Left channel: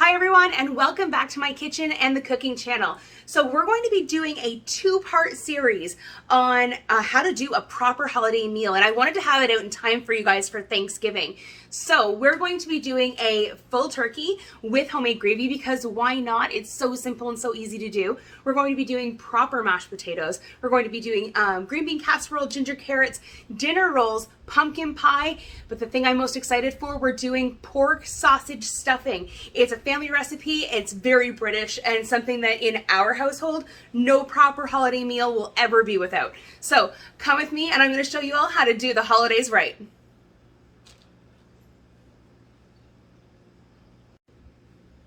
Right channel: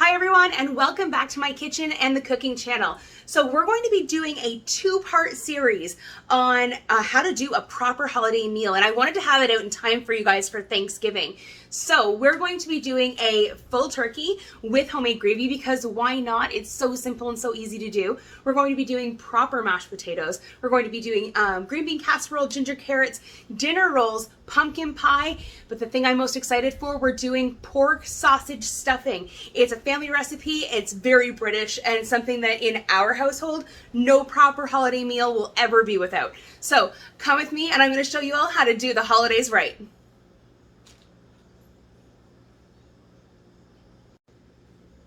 Hi everyone, and welcome back to my kitchen and the cooking channel. So we're going to be doing a two-part series on how to do a proper holiday meal, and I wanted to have it out in time for you guys for Thanksgiving. So we're going to be doing a full turkey with homemade gravy because why not? It's so simple and so easy to do. We're going to be doing proper mashed potatoes. We're going to be doing green bean casserole, ginger carrots, dinner rolls, pumpkin pie, but the thing I'm most excited for, we're doing pork sausage stuffing. It's a family recipe, it's very British, and something that in our household, no proper holiday meal will ever be without. So come with me and I'm going to show you all how to do the holidays right.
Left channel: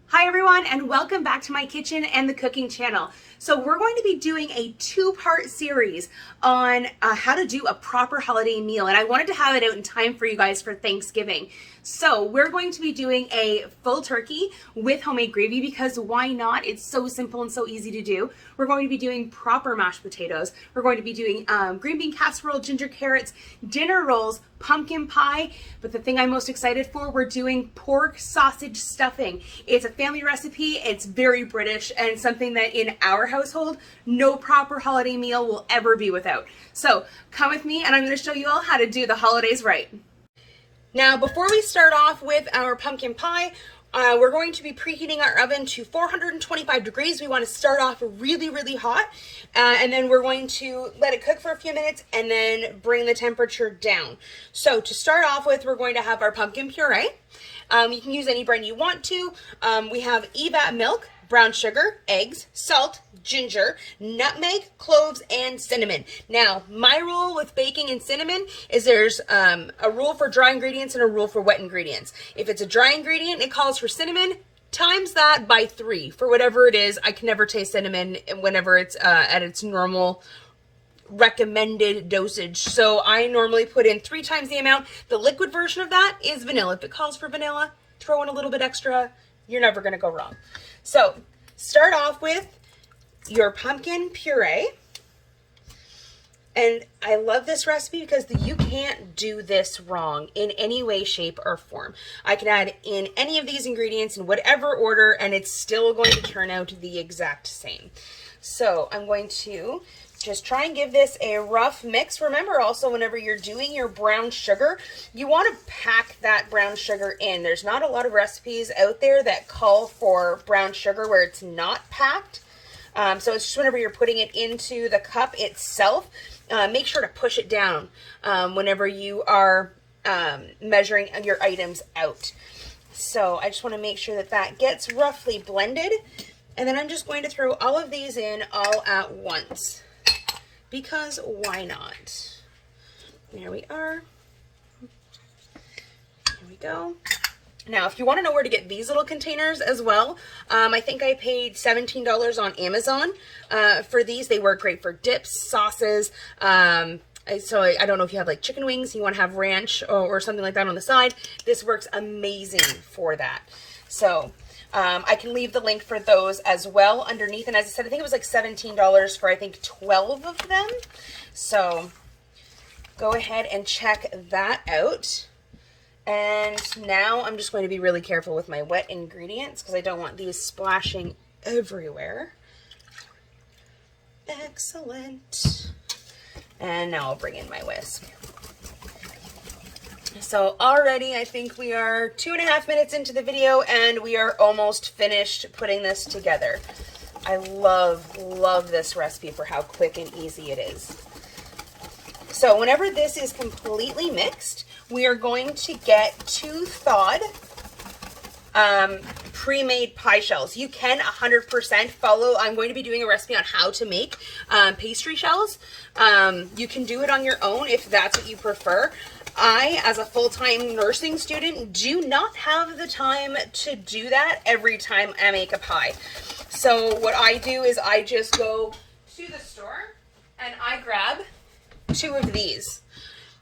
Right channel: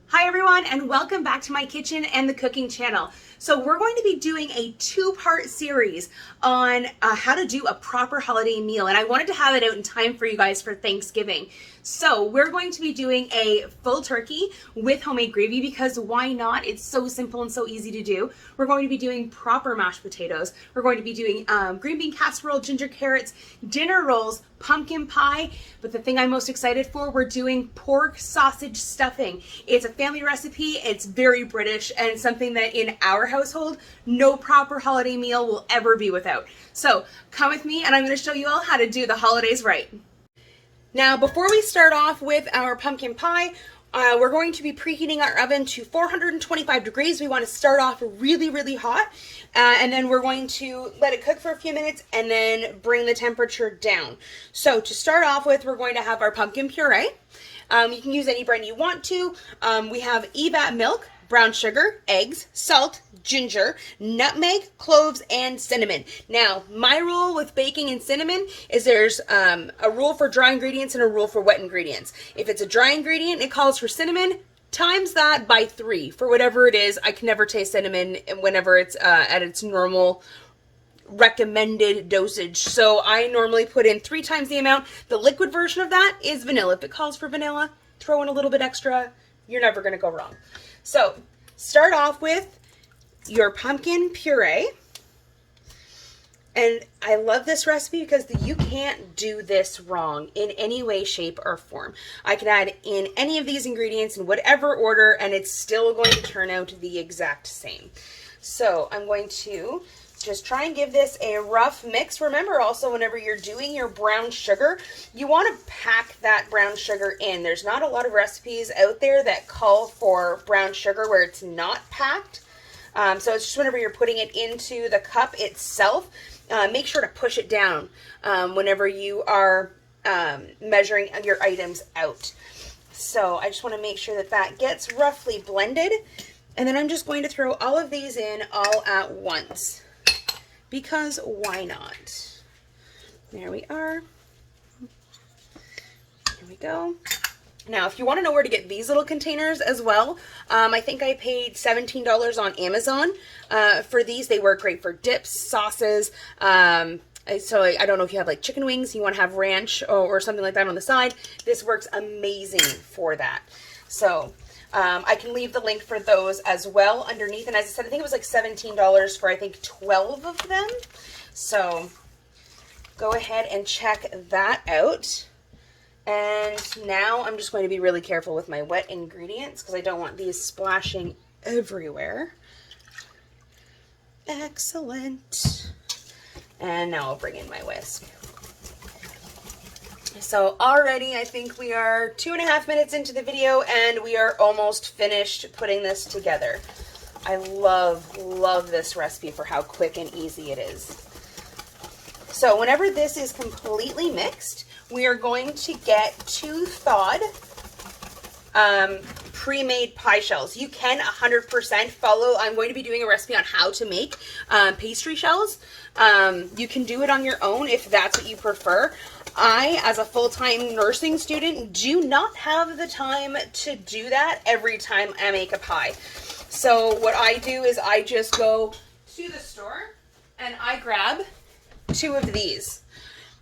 Hi everyone, and welcome back to my kitchen and the cooking channel. So we're going to be doing a two-part series on how to do a proper holiday meal, and I wanted to have it out in time for you guys for Thanksgiving. So we're going to be doing a full turkey with homemade gravy because why not? It's so simple and so easy to do. We're going to be doing proper mashed potatoes. We're going to be doing green bean casserole, ginger carrots, dinner rolls, pumpkin pie, but the thing I'm most excited for, we're doing pork sausage stuffing. It's a family recipe, it's very British, and something that in our household, no proper holiday meal will ever be without. So come with me and I'm going to show you all how to do the holidays right. Now, before we start off with our pumpkin pie, we're going to be preheating our oven to 425 degrees. We want to start off really, really hot, and then we're going to let it cook for a few minutes and then bring the temperature down. So to start off with, we're going to have our pumpkin puree. You can use any brand you want to. We have Evap milk, brown sugar, eggs, salt, ginger, nutmeg, cloves, and cinnamon. Now, my rule with baking and cinnamon is there's a rule for dry ingredients and a rule for wet ingredients. If it's a dry ingredient, it calls for cinnamon, times that by 3 for whatever it is. I can never taste cinnamon whenever it's at its normal recommended dosage. So I normally put in 3 times the amount. The liquid version of that is vanilla. If it calls for vanilla, throw in a little bit extra. You're never going to go wrong. So start off with your pumpkin puree. And I love this recipe because you can't do this wrong in any way, shape, or form. I can add in any of these ingredients in whatever order and it's still going to turn out the exact same. So I'm going to just try and give this a rough mix. Remember also, whenever you're doing your brown sugar, you want to pack that brown sugar in. There's not a lot of recipes out there that call for brown sugar where it's not packed. So it's just whenever you're putting it into the cup itself, make sure to push it down whenever you are measuring your items out. So I just want to make sure that that gets roughly blended. And then I'm just going to throw all of these in all at once, because why not? There we are. Here we go. Now, if you want to know where to get these little containers as well, I think I paid $17 on Amazon for these. They work great for dips, sauces. So I don't know if you have like chicken wings, you want to have ranch or something like that on the side. This works amazing for that. So I can leave the link for those as well underneath. And as I said, I think it was like $17 for I think 12 of them. So go ahead and check that out. And now I'm just going to be really careful with my wet ingredients because I don't want these splashing everywhere. Excellent. And now I'll bring in my whisk. So already I think we are 2.5 minutes into the video and we are almost finished putting this together. I love this recipe for how quick and easy it is. So whenever this is completely mixed, we are going to get 2 thawed pre-made pie shells. You can 100% follow. I'm going to be doing a recipe on how to make pastry shells. You can do it on your own if that's what you prefer. I, as a full-time nursing student, do not have the time to do that every time I make a pie. So what I do is I just go to the store and I grab 2 of these.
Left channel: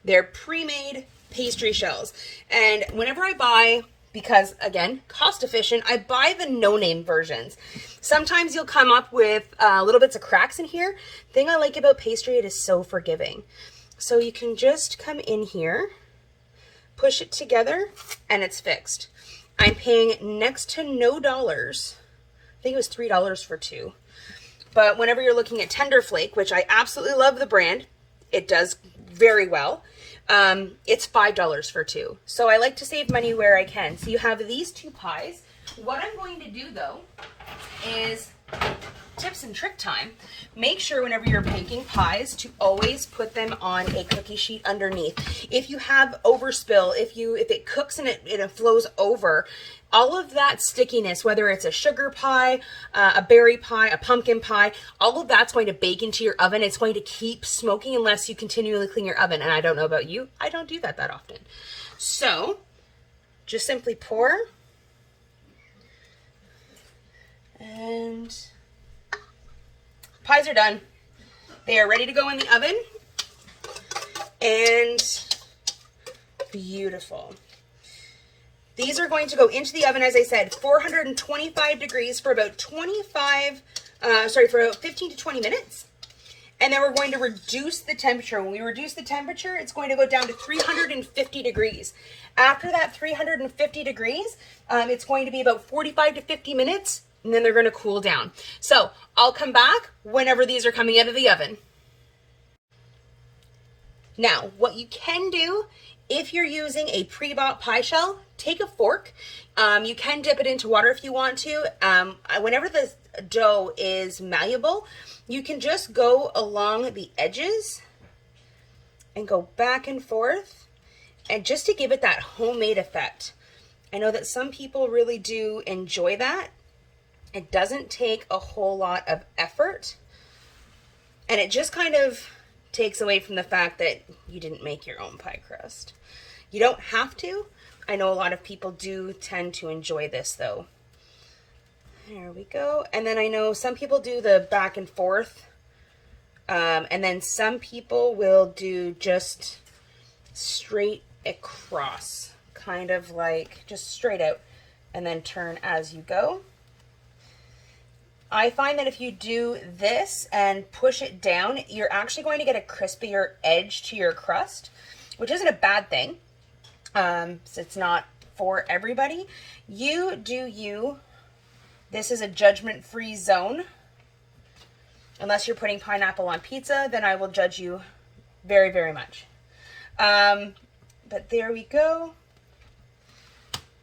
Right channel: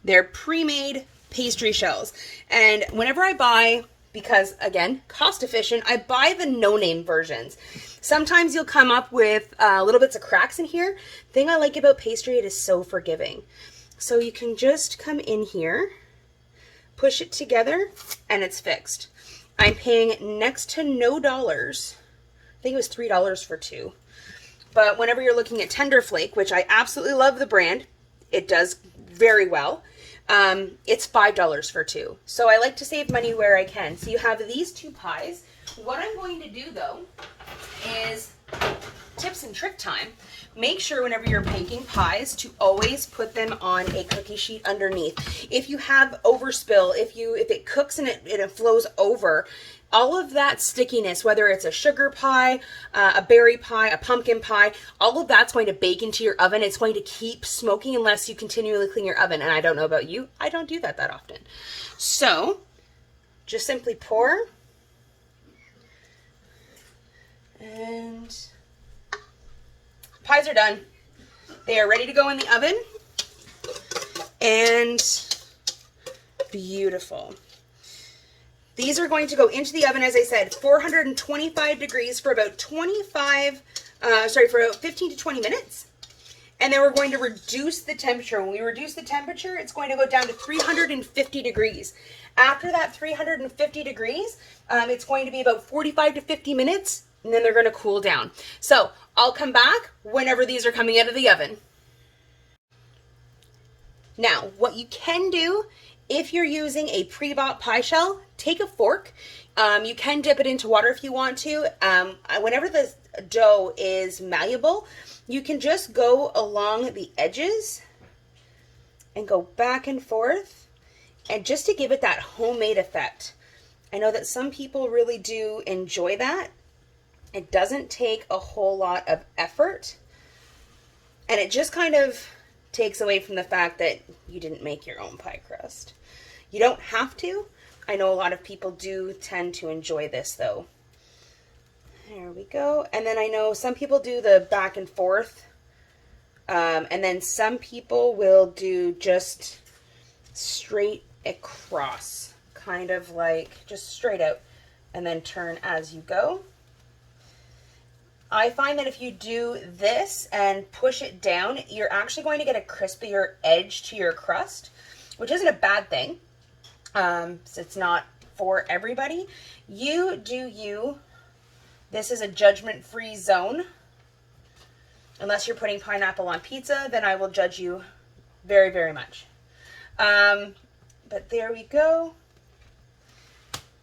They're pre-made pastry shells. And whenever I buy, because again, cost efficient, I buy the no-name versions. Sometimes you'll come up with little bits of cracks in here. The thing I like about pastry, it is so forgiving. So you can just come in here, push it together, and it's fixed. I'm paying next to no dollars. I think it was $3 for two. But whenever you're looking at Tender Flake, which I absolutely love the brand, it does very well. It's $5 for two. So I like to save money where I can. So you have these two pies. What I'm going to do though is tips and trick time. Make sure whenever you're baking pies to always put them on a cookie sheet underneath. If you have overspill, if it cooks and it flows over, all of that stickiness, whether it's a sugar pie, a berry pie, a pumpkin pie, all of that's going to bake into your oven. It's going to keep smoking unless you continually clean your oven. And I don't know about you, I don't do that often. So just simply pour. And pies are done. They are ready to go in the oven. And beautiful. These are going to go into the oven, as I said, 425 degrees for about 15 to 20 minutes. And then we're going to reduce the temperature. When we reduce the temperature, it's going to go down to 350 degrees. After that 350 degrees, it's going to be about 45 to 50 minutes, and then they're going to cool down. So I'll come back whenever these are coming out of the oven. Now, what you can do if you're using a pre-bought pie shell, take a fork. You can dip it into water if you want to. Whenever the dough is malleable, you can just go along the edges and go back and forth, and just to give it that homemade effect. I know that some people really do enjoy that. It doesn't take a whole lot of effort, and it just kind of takes away from the fact that you didn't make your own pie crust. You don't have to. I know a lot of people do tend to enjoy this though. There we go. And then I know some people do the back and forth. And then some people will do just straight across, kind of like just straight out, and then turn as you go. I find that if you do this and push it down, you're actually going to get a crispier edge to your crust, which isn't a bad thing. So it's not for everybody. You do you. This is a judgment-free zone. Unless you're putting pineapple on pizza, then I will judge you very, very much. But there we go.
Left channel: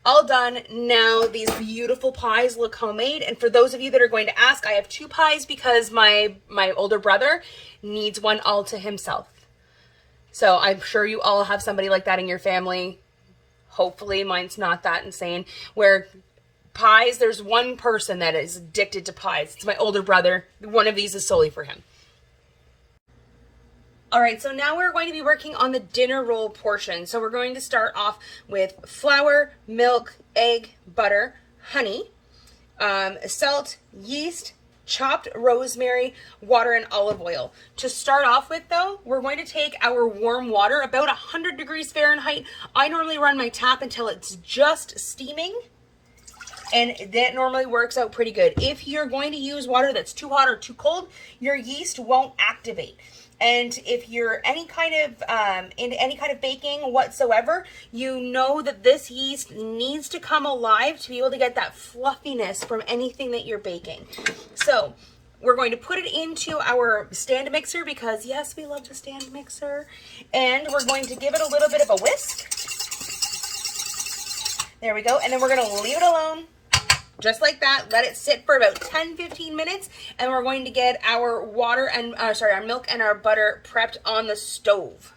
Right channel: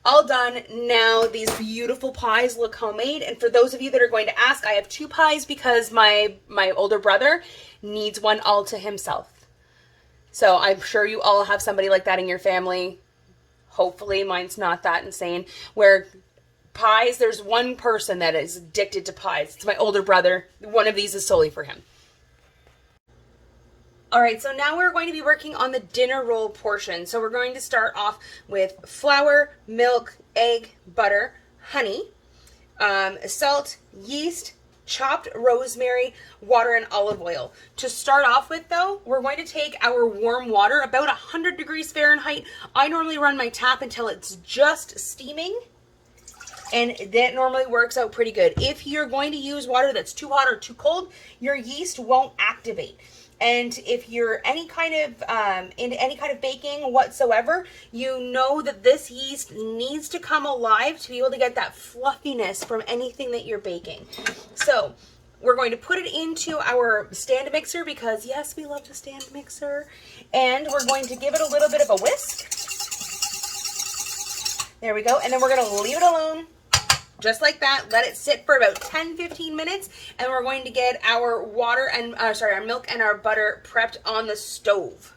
All done. Now these beautiful pies look homemade. And for those of you that are going to ask, I have two pies because my older brother needs one all to himself. So I'm sure you all have somebody like that in your family. Hopefully mine's not that insane. Where pies, there's one person that is addicted to pies. It's my older brother. One of these is solely for him. All right, so now we're going to be working on the dinner roll portion. So we're going to start off with flour, milk, egg, butter, honey, salt, yeast, chopped rosemary, water, and olive oil. To start off with though, we're going to take our warm water, about 100 degrees Fahrenheit. I normally run my tap until it's just steaming, and that normally works out pretty good. If you're going to use water that's too hot or too cold, your yeast won't activate. And if you're any kind of into any kind of baking whatsoever, you know that this yeast needs to come alive to be able to get that fluffiness from anything that you're baking. So we're going to put it into our stand mixer because yes, we love the stand mixer. And we're going to give it a little bit of a whisk. There we go. And then we're going to leave it alone. Just like that, let it sit for about 10-15 minutes, and we're going to get our water and our milk and our butter prepped on the stove.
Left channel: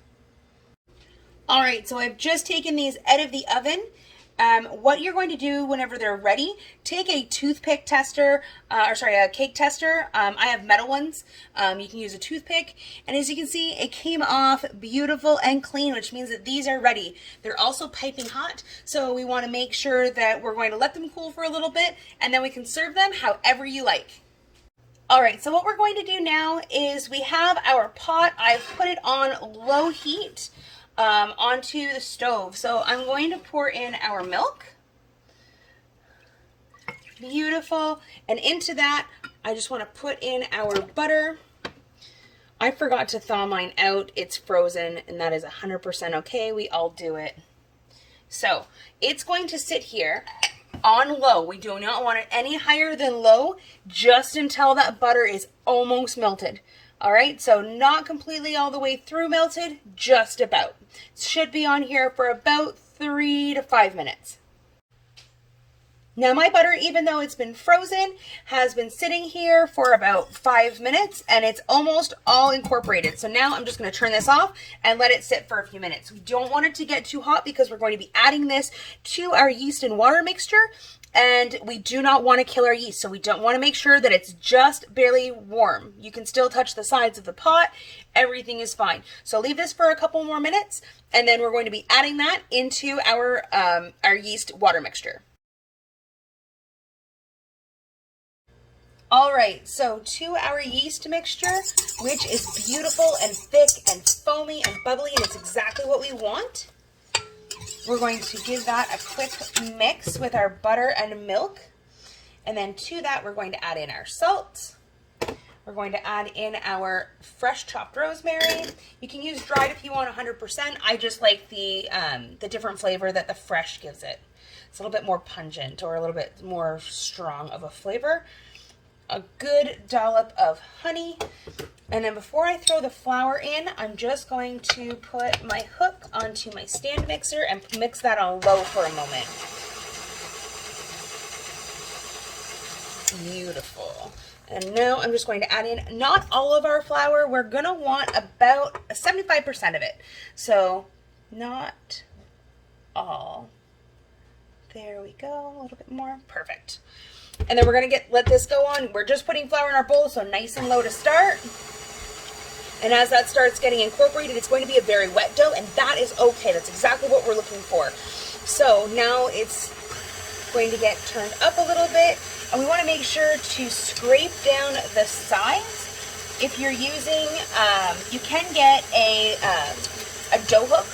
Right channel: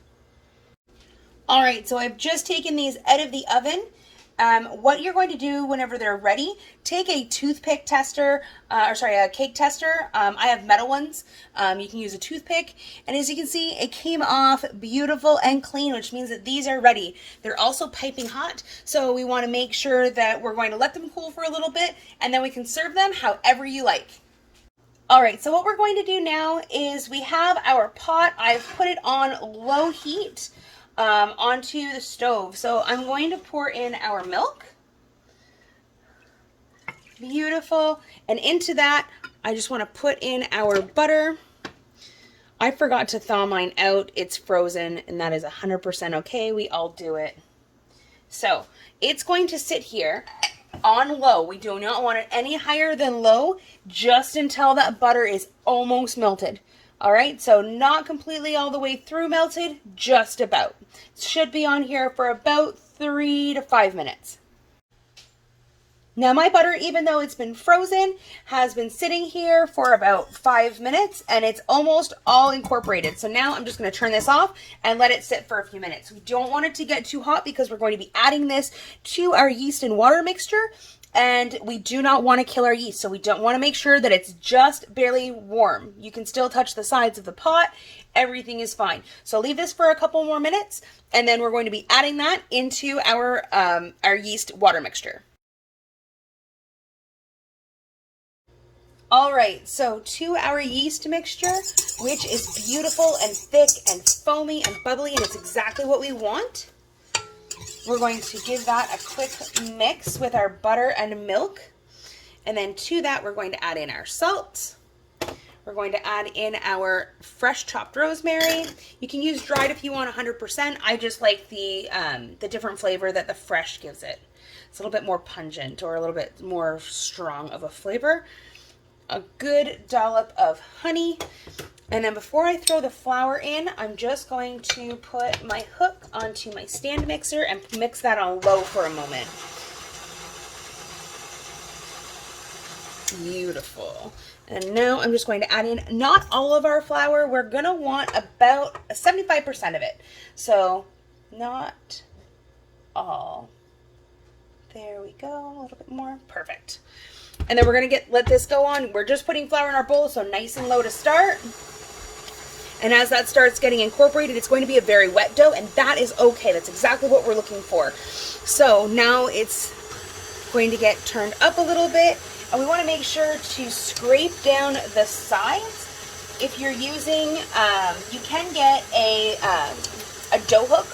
All right, so I've just taken these out of the oven. What you're going to do whenever they're ready, take a toothpick tester, a cake tester. I have metal ones. You can use a toothpick. And as you can see, it came off beautiful and clean, which means that these are ready. They're also piping hot, so we want to make sure that we're going to let them cool for a little bit, and then we can serve them however you like. All right, so what we're going to do now is we have our pot. I've put it on low heat. Onto the stove. So I'm going to pour in our milk. Beautiful. And into that, I just want to put in our butter. I forgot to thaw mine out. It's frozen, and that is 100% okay. We all do it. So it's going to sit here on low. We do not want it any higher than low, just until that butter is almost melted. All right, so not completely all the way through melted, just about. It should be on here for about 3 to 5 minutes. Now my butter, even though it's been frozen, has been sitting here for about 5 minutes and it's almost all incorporated. So now I'm just going to turn this off and let it sit for a few minutes. We don't want it to get too hot because we're going to be adding this to our yeast and water mixture, and we do not want to kill our yeast. So we don't want to make sure that it's just barely warm. You can still touch the sides of the pot. Everything is fine. So leave this for a couple more minutes and then we're going to be adding that into our yeast water mixture. All right, so to our yeast mixture, which is beautiful and thick and foamy and bubbly, and it's exactly what we want. We're going to give that a quick mix with our butter and milk. And then to that, we're going to add in our salt. We're going to add in our fresh chopped rosemary. You can use dried if you want 100%. I just like the different flavor that the fresh gives it. It's a little bit more pungent or a little bit more strong of a flavor. A good dollop of honey, and then before I throw the flour in, I'm just going to put my hook onto my stand mixer and mix that on low for a moment. Beautiful. And now I'm just going to add in not all of our flour. We're going to want about 75% of it. So not all. There we go. A little bit more. Perfect. And then we're going to let this go on. We're just putting flour in our bowl, so nice and low to start. And as that starts getting incorporated, it's going to be a very wet dough, and that is okay. That's exactly what we're looking for. So now it's going to get turned up a little bit, and we want to make sure to scrape down the sides. If you're using, you can get a dough hook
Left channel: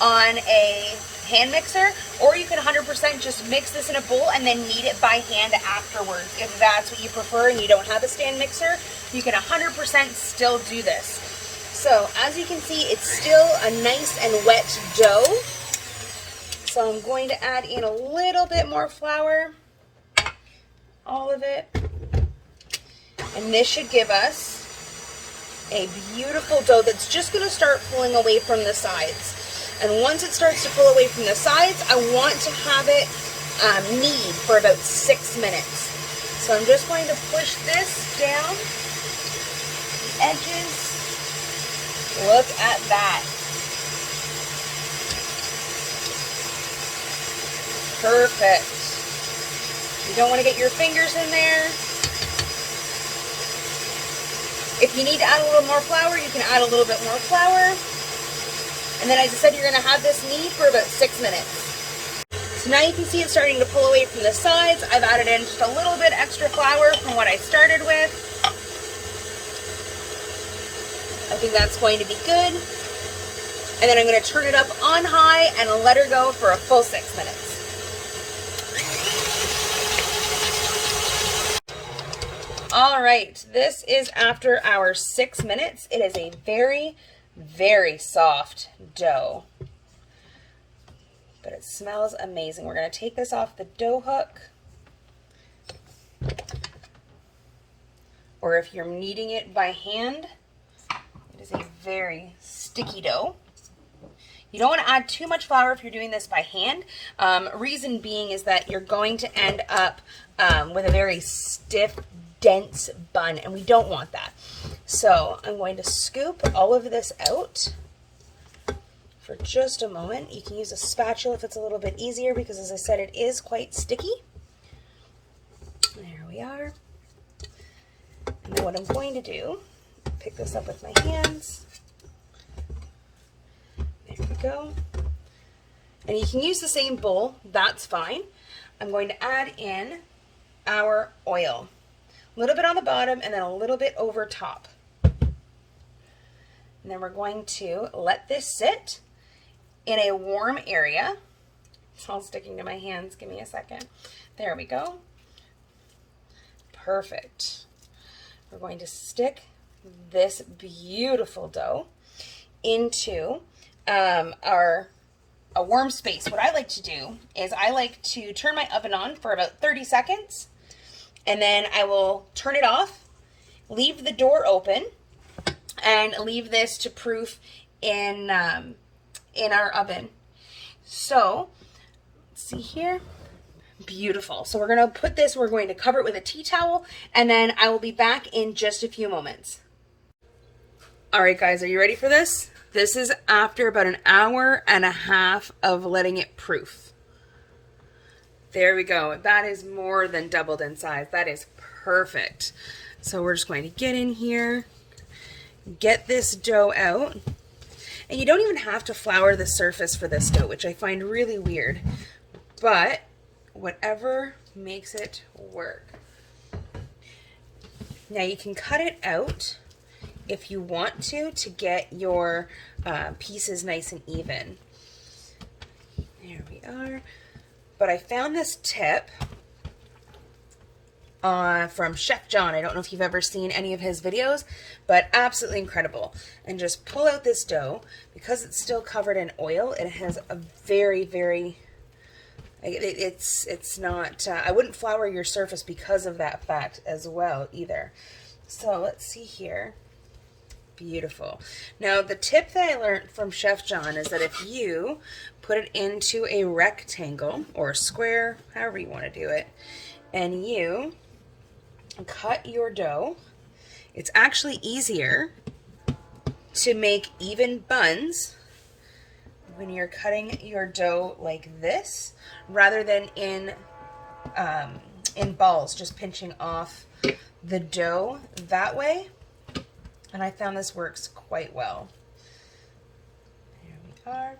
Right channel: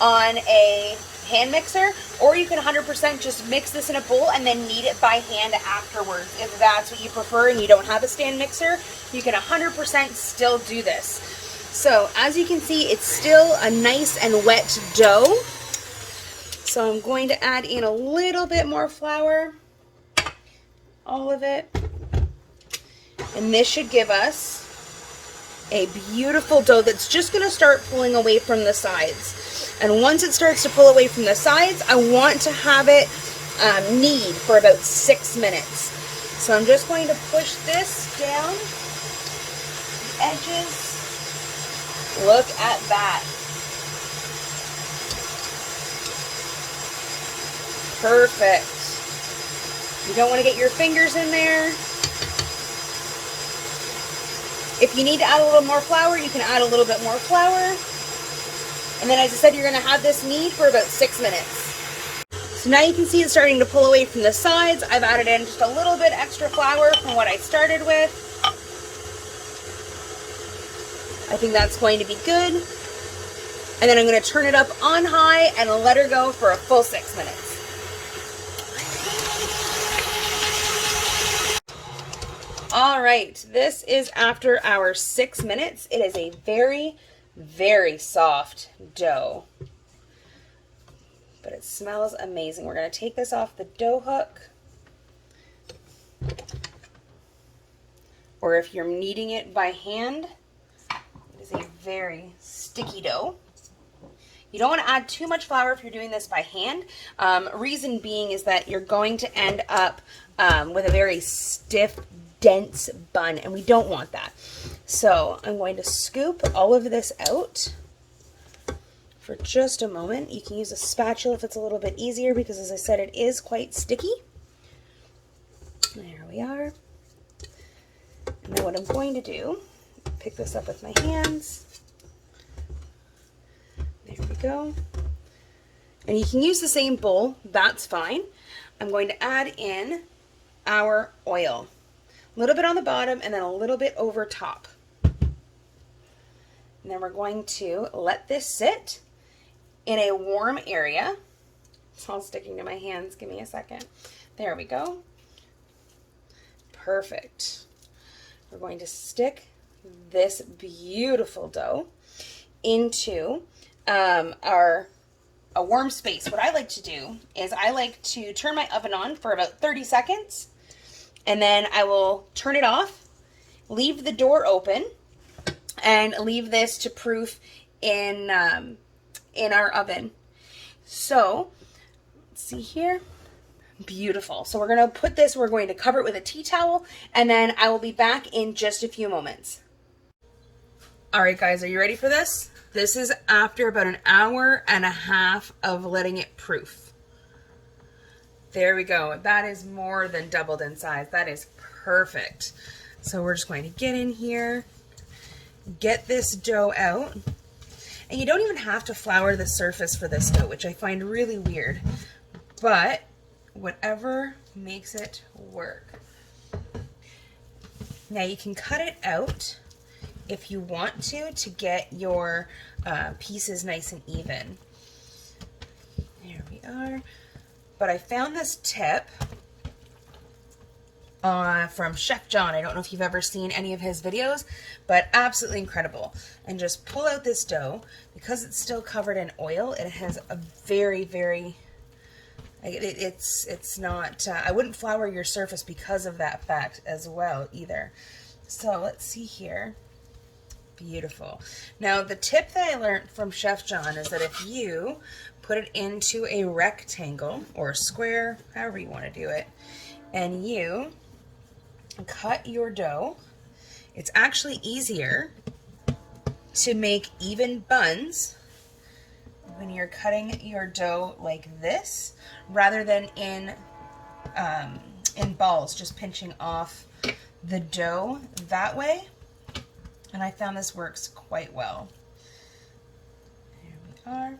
on a hand mixer, or you can 100% just mix this in a bowl and then knead it by hand afterwards. If that's what you prefer and you don't have a stand mixer, you can 100% still do this. So as you can see, it's still a nice and wet dough. So I'm going to add in a little bit more flour, all of it, and this should give us a beautiful dough that's just going to start pulling away from the sides. And once it starts to pull away from the sides, I want to have it knead for about 6 minutes. So I'm just going to push this down the edges. Look at that. Perfect. You don't want to get your fingers in there. If you need to add a little more flour, you can add a little bit more flour. And then, as I said, you're going to have this knead for about 6 minutes. So now you can see it's starting to pull away from the sides. I've added in just a little bit extra flour from what I started with. I think that's going to be good. And then I'm going to turn it up on high and let her go for a full 6 minutes. All right, this is after our 6 minutes. It is a very, very soft dough, but it smells amazing. We're going to take this off the dough hook, or if you're kneading it by hand, it is a very sticky dough. You don't want to add too much flour if you're doing this by hand. Reason being is that you're going to end up with a very stiff, dense bun, and we don't want that. So I'm going to scoop all of this out for just a moment. You can use a spatula if it's a little bit easier because, as I said, it is quite sticky. There we are. And then what I'm going to do, pick this up with my hands. There we go. And you can use the same bowl, that's fine. I'm going to add in our oil. A little bit on the bottom and then a little bit over top. And then we're going to let this sit in a warm area. It's all sticking to my hands. Give me a second. There we go. Perfect. We're going to stick this beautiful dough into our a warm space, what I like to do is I like to turn my oven on for about 30 seconds, and then I will turn it off, leave the door open, and leave this to proof in our oven. So, let's see here. Beautiful. So we're going to put this, we're going to cover it with a tea towel, and then I will be back in just a few moments. All right, guys, are you ready for this? This is after about an hour and a half of letting it proof. There we go. That is more than doubled in size. That is perfect. So we're just going to get in here, get this dough out. And you don't even have to flour the surface for this dough, which I find really weird. But whatever makes it work. Now you can cut it out if you want to get your pieces nice and even. There we are. But I found this tip from Chef John. I don't know if you've ever seen any of his videos, but absolutely incredible. And just pull out this dough. Because it's still covered in oil, it has a very, very, it's not, I wouldn't flour your surface because of that fact as well either. So let's see here. Beautiful. Now the tip that I learned from Chef John is that if you put it into a rectangle or a square, however you want to do it, and you cut your dough, it's actually easier to make even buns when you're cutting your dough like this rather than in balls, just pinching off the dough that way. And I found this works quite well. Here we are.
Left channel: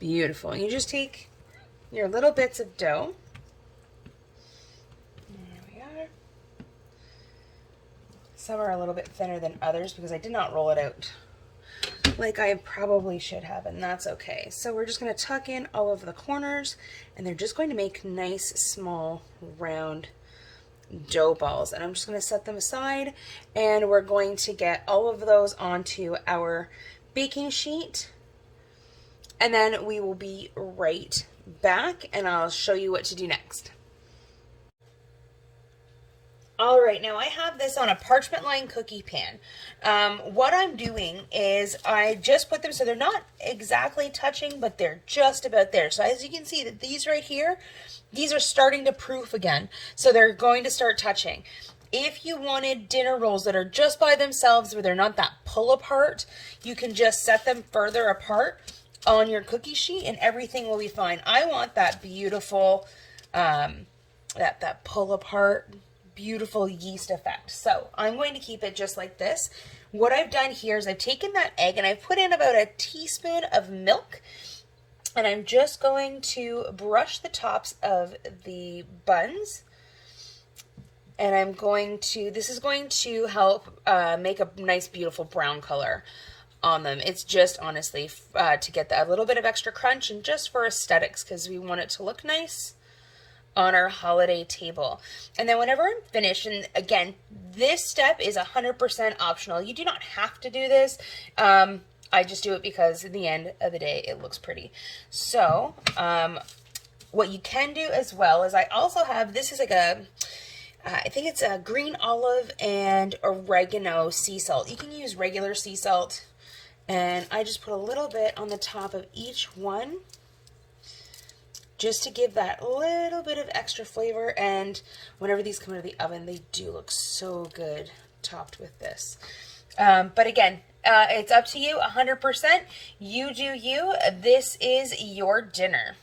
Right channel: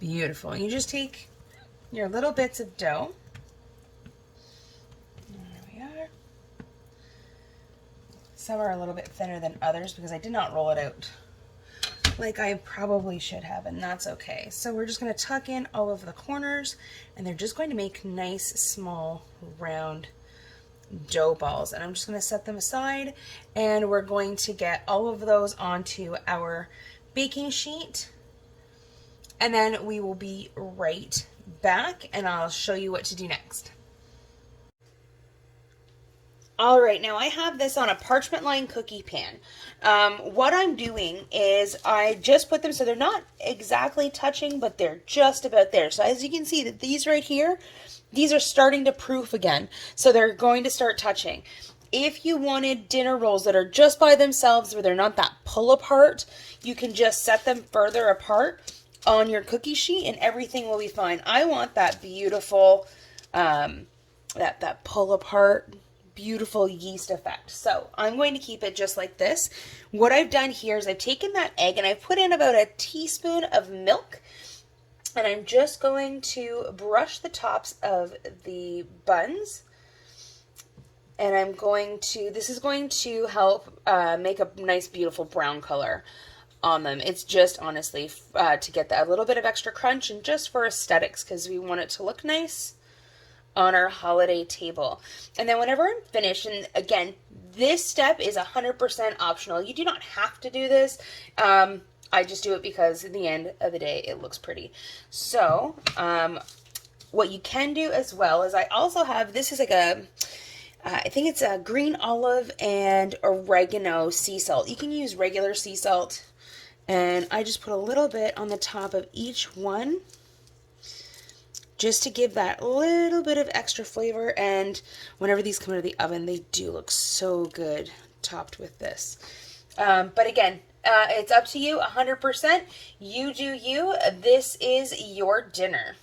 Beautiful. You just take your little bits of dough. There we are. Some are a little bit thinner than others because I did not roll it out like I probably should have, and that's okay. So we're just going to tuck in all of the corners, and they're just going to make nice, small, round dough balls. And I'm just going to set them aside, and we're going to get all of those onto our baking sheet, and then we will be right back, and I'll show you what to do next. All right, now I have this on a parchment lined cookie pan. What I'm doing is I just put them so they're not exactly touching, but they're just about there. So as you can see, that these right here, these are starting to proof again. So they're going to start touching. If you wanted dinner rolls that are just by themselves where they're not that pull apart, you can just set them further apart on your cookie sheet and everything will be fine. I want that beautiful, that pull apart, beautiful yeast effect. So I'm going to keep it just like this. What I've done here is I've taken that egg and I've put in about a teaspoon of milk, and I'm just going to brush the tops of the buns, and I'm going to, this is going to help make a nice beautiful brown color on them. It's just honestly to get that a little bit of extra crunch and just for aesthetics, because we want it to look nice on our holiday table. And then whenever I'm finished, and again, this step is 100% optional. You do not have to do this. I just do it because in the end of the day, it looks pretty. So what you can do as well is I also have, this is like a, I think it's a green olive and oregano sea salt. You can use regular sea salt, and I just put a little bit on the top of each one, just to give that little bit of extra flavor. And whenever these come out of the oven, they do look so good topped with this. But again, it's up to you 100%. You do you. This is your dinner.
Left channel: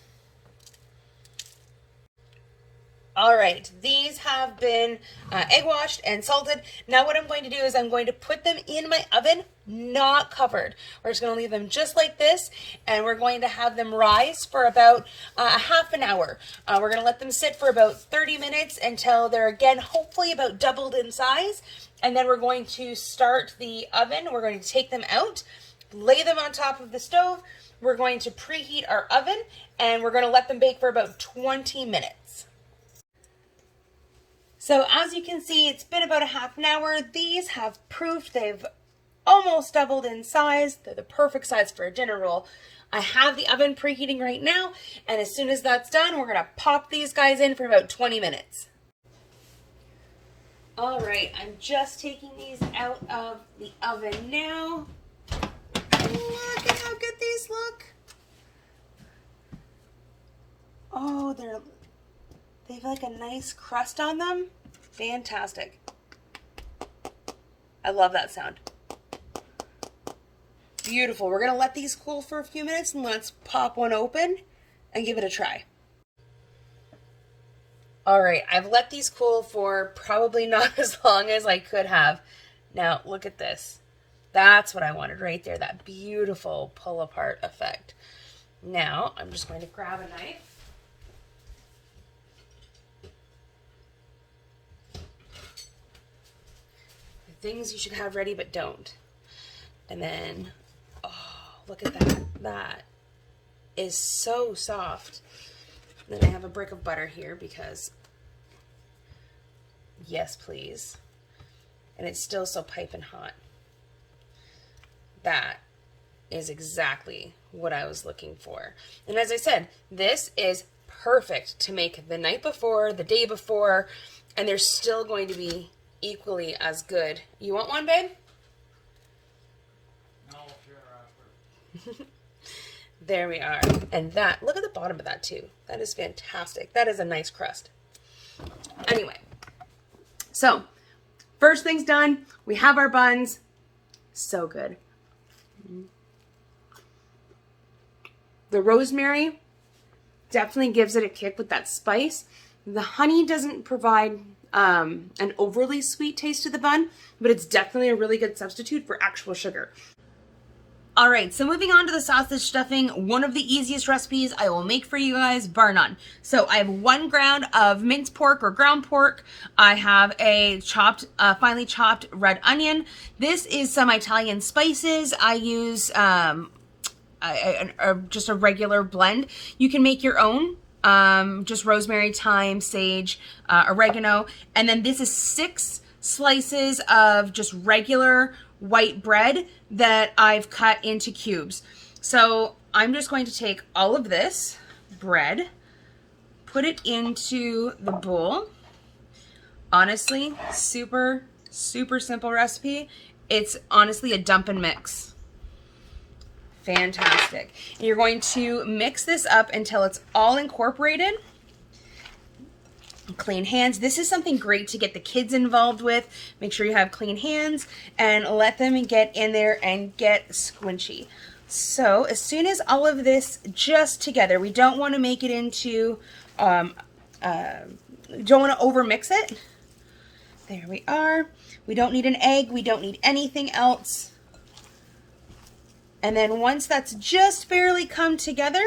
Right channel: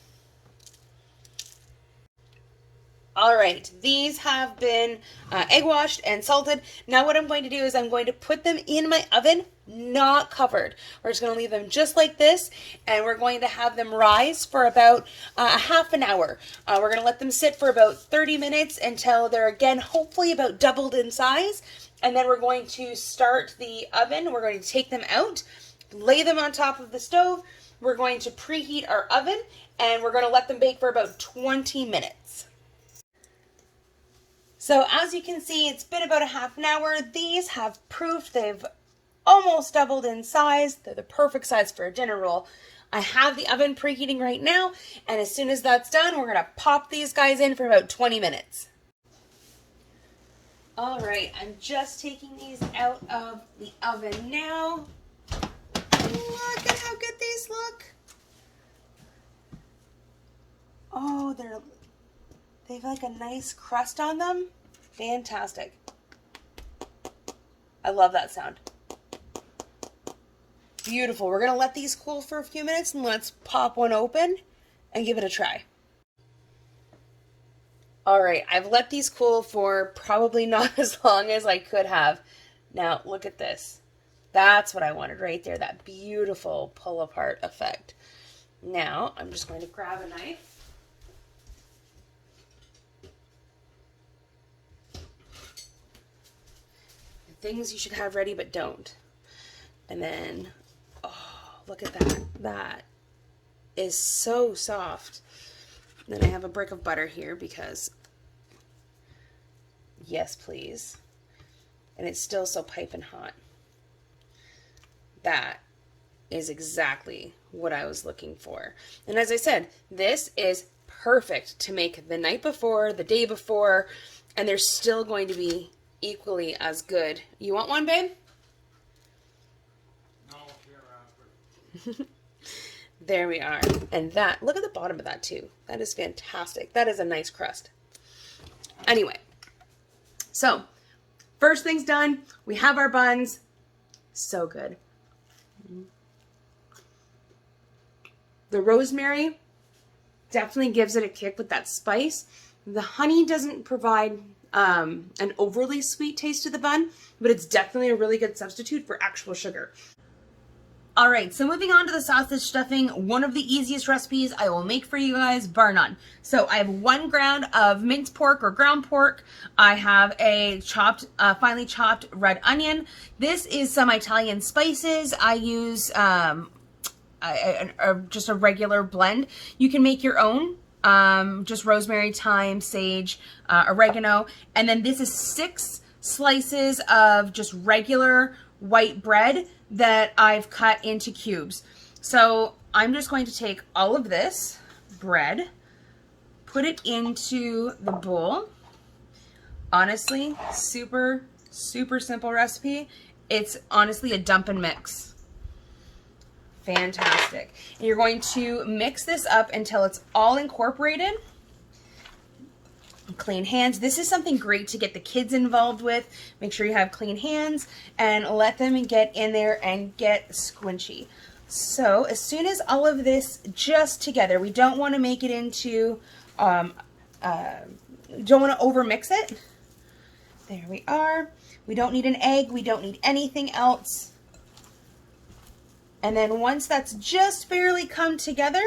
All right, these have been egg washed and salted. Now what I'm going to do is I'm going to put them in my oven, not covered. We're just going to leave them just like this, and we're going to have them rise for about a half an hour. We're going to let them sit for about 30 minutes until they're again hopefully about doubled in size, and then we're going to start the oven. We're going to take them out, lay them on top of the stove. We're going to preheat our oven, and we're going to let them bake for about 20 minutes. So as you can see, it's been about a half an hour. These have proofed. They've almost doubled in size. They're the perfect size for a dinner roll. I have the oven preheating right now, and as soon as that's done, we're gonna pop these guys in for about 20 minutes. All right, I'm just taking these out of the oven now. Look at how good these look. Oh, they have like a nice crust on them. Fantastic. I love that sound. Beautiful. We're going to let these cool for a few minutes and let's pop one open and give it a try. All right, I've let these cool for probably not as long as I could have. Now, look at this. That's what I wanted right there, that beautiful pull apart effect. Now, I'm just going to grab a knife. The things you should have ready but don't. And then, oh, look at that. That is so soft. Then I have a brick of butter here because, yes, please. And it's still so piping hot. That is exactly what I was looking for. And as I said, this is perfect to make the night before, the day before, and they're still going to be equally as good. You want one, babe? No, sure. There we are. And that, look at the bottom of that too. That is fantastic. That is a nice crust. Anyway, so first thing's done. We have our buns. So good. The rosemary definitely gives it a kick with that spice. The honey doesn't provide an overly sweet taste to the bun, but it's definitely a really good substitute for actual sugar. All right, so moving on to the sausage stuffing, one of the easiest recipes I will make for you guys, bar none. So I have 1 ground of minced pork or ground pork. I have a finely chopped red onion. This is some Italian spices. I use just a regular blend. You can make your own, just rosemary, thyme, sage, oregano. And then this is 6 slices of just regular white bread that I've cut into cubes. So I'm just going to take all of this bread, put it into the bowl. Honestly, super, super simple recipe. It's honestly a dump and mix. Fantastic. And you're going to mix this up until it's all incorporated. Clean hands. This is something great to get the kids involved with. Make sure you have clean hands and let them get in there and get squinchy. So as soon as all of this just together, we don't want to make it into, don't want to over mix it. There we are. We don't need an egg. We don't need anything else. And then once that's just barely come together,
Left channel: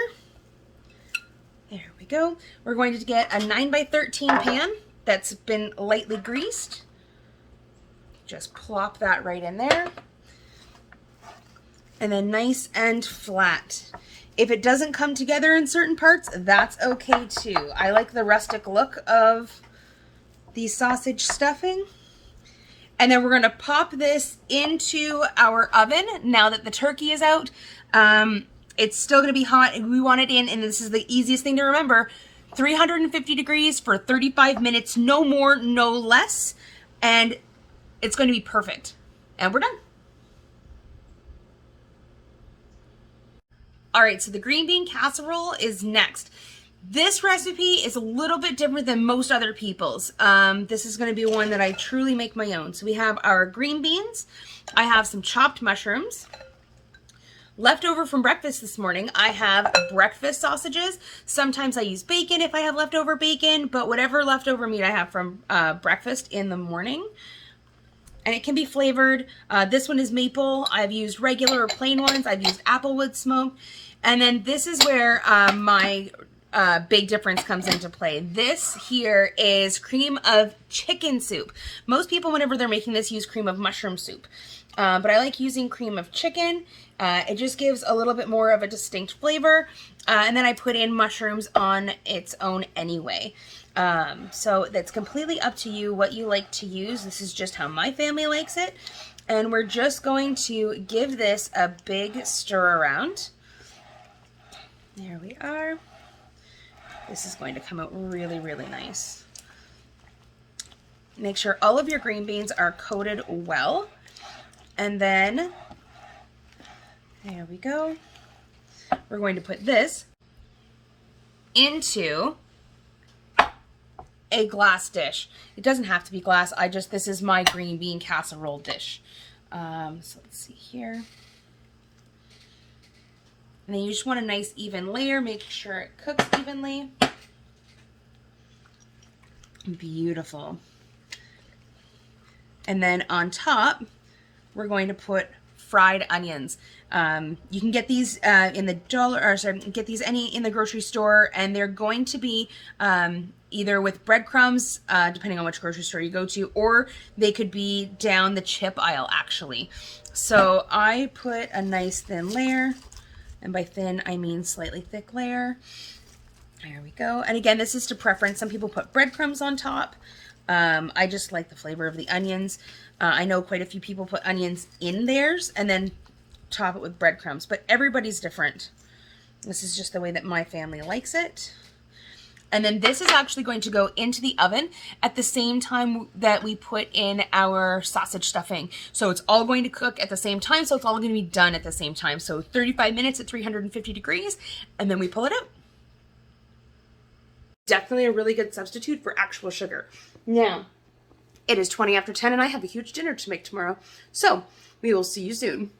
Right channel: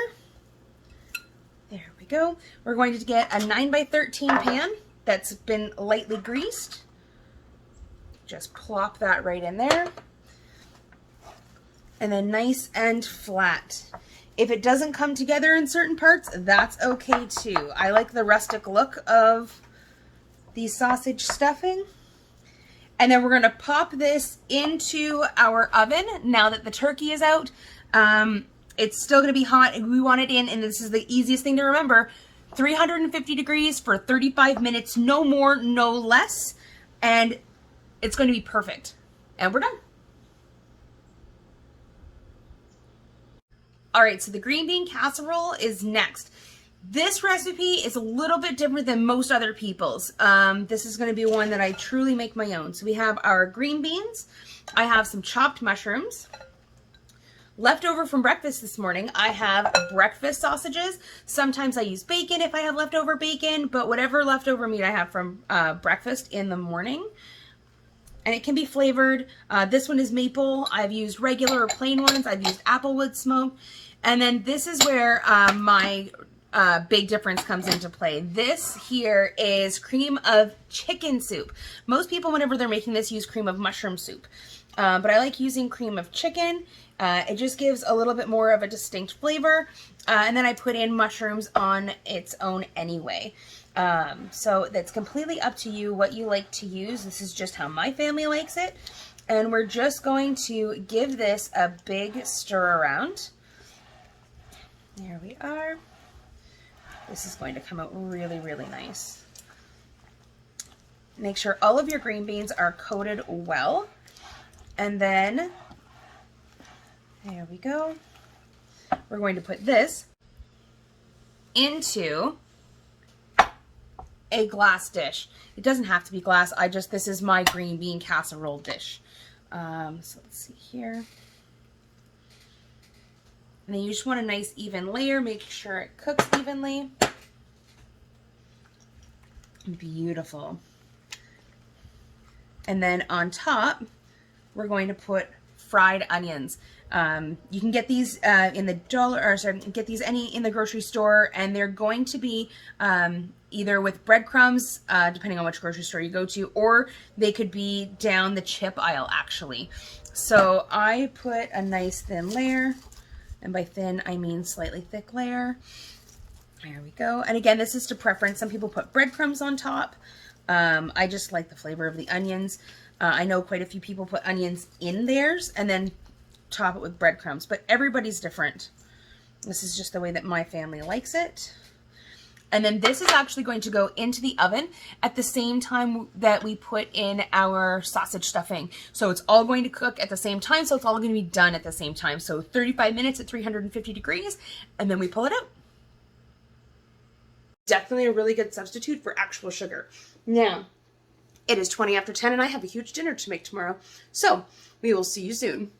there we go. We're going to get a 9x13 pan that's been lightly greased. Just plop that right in there. And then nice and flat. If it doesn't come together in certain parts, that's okay too. I like the rustic look of the sausage stuffing. And then we're going to pop this into our oven now that the turkey is out. It's still going to be hot and we want it in, and this is the easiest thing to remember, 350 degrees for 35 minutes, no more, no less, and it's going to be perfect. And we're done. All right, so the green bean casserole is next. This recipe is a little bit different than most other people's. This is going to be one that I truly make my own. So we have our green beans. I have some chopped mushrooms. Leftover from breakfast this morning, I have breakfast sausages. Sometimes I use bacon if I have leftover bacon, but whatever leftover meat I have from breakfast in the morning. And it can be flavored. This one is maple. I've used regular or plain ones. I've used applewood smoked. And then this is where my big difference comes into play. This here is cream of chicken soup. Most people, whenever they're making this, use cream of mushroom soup. But I like using cream of chicken. It just gives a little bit more of a distinct flavor. And then I put in mushrooms on its own anyway. So that's completely up to you what you like to use. This is just how my family likes it. And we're just going to give this a big stir around. There we are. This is going to come out really, really nice. Make sure all of your green beans are coated well. And then, there we go. We're going to put this into a glass dish. It doesn't have to be glass. This is my green bean casserole dish. So let's see here. And then you just want a nice even layer. Make sure it cooks evenly. Beautiful. And then on top, we're going to put fried onions. You can get these in the get these in the grocery store, and they're going to be either with breadcrumbs, depending on which grocery store you go to, or they could be down the chip aisle actually. So I put a nice thin layer, and by thin I mean slightly thick layer. There we go. And again, this is to preference. Some people put breadcrumbs on top. I just like the flavor of the onions. I know quite a few people put onions in theirs and then top it with breadcrumbs, but everybody's different. This is just the way that my family likes it. And then this is actually going to go into the oven at the same time that we put in our sausage stuffing. So it's all going to cook at the same time. So it's all going to be done at the same time. So 35 minutes at 350 degrees, and then we pull it out. Definitely a really good substitute for actual sugar. Now, it is 20 after 10 and I have a huge dinner to make tomorrow. So we will see you soon.